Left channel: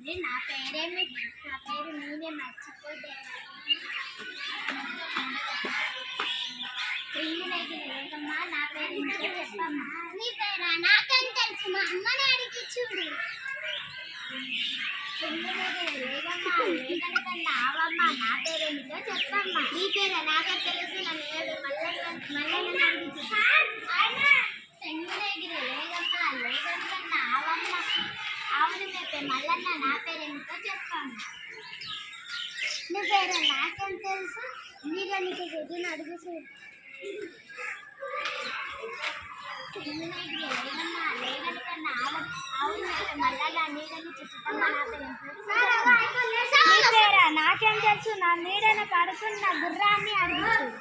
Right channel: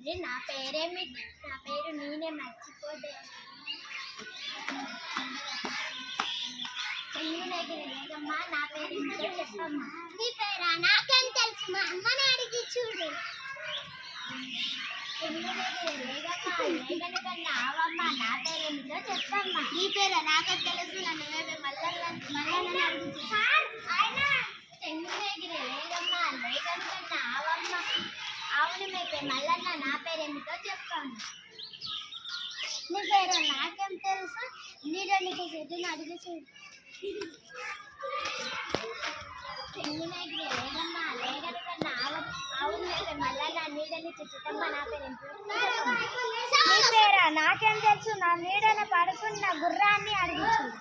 అరే నా పేరు నేనే మర్చిపోతే లేదమ్మా, నా పేరు ఇంట్లో చెప్పమ్మా. నీ పేరా? నాకేం తెలుసు, మా అమ్మని అడిగి చూడు. లేదమ్మా, లేదనుకన్నా అవమ్మా, నా పేరు ఏమిటో చెప్పమ్మా. నీ పేరా? నాకే తెలుసు, నన్ను మళ్ళీ అడిగి చెంగులేగిరే. లేదమ్మా, లేదనుకన్నా అవమ్మ. అవును మీ పేరు మల్లన్న, నా పేరేమిటో చెప్పమ్మా. నీ పేరు? నాకేం తెలుసు, నీలో నీకు చెట్టుని అడిగి చూడు. చెంగులేగిరే. లేదమ్మా, లేదనుకన్నా అవును మీ పేరు మల్లన్న, నీడని చుట్టమ్మా, నా పేరేమిటో. నీ పేరా? నాకేం తెలుసు, నా నీడన పడుకున్న గుర్రాన్ని అడిగి చూడు.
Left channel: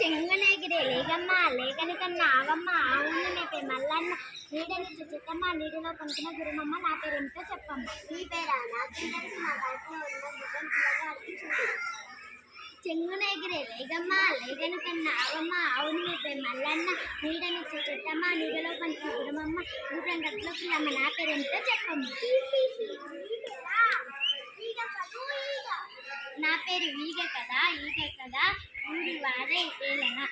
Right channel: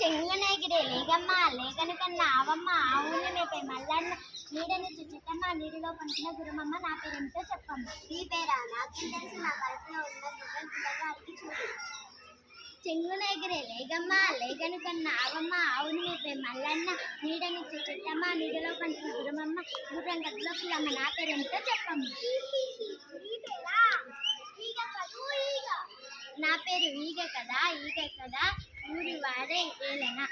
చెంగునేగిరే. లేదమ్మా, లేకనికన్నా అవమ్మ. అవును మీ పేరు మల్లన్న, నీడని చుట్టమ్మ, నీటిలో పనుకున్న గురుమమ్మ, నా పేరేమిటో చెప్పమ్మ. నీ పేరా? నాకేం తెలుసు, నా కడుపులో ఉన్న గుర్రం పిల్లగా అడిగి చూడు. చెంగునేగిరే. లేదమ్మా, లేకనికన్నా అవమ్మ. అవును మీ పేరు మల్లన్న, నీడని చుట్టమ్మ, నీటిలో పనుకున్న గురుమమ్మ, గుర్రం గదిలో పిల్లమ్మ, నా పేరేమిటో చెప్పమ్మ. నా పేరు ఈగ కదా, ఊరి వాడే ఏలనా.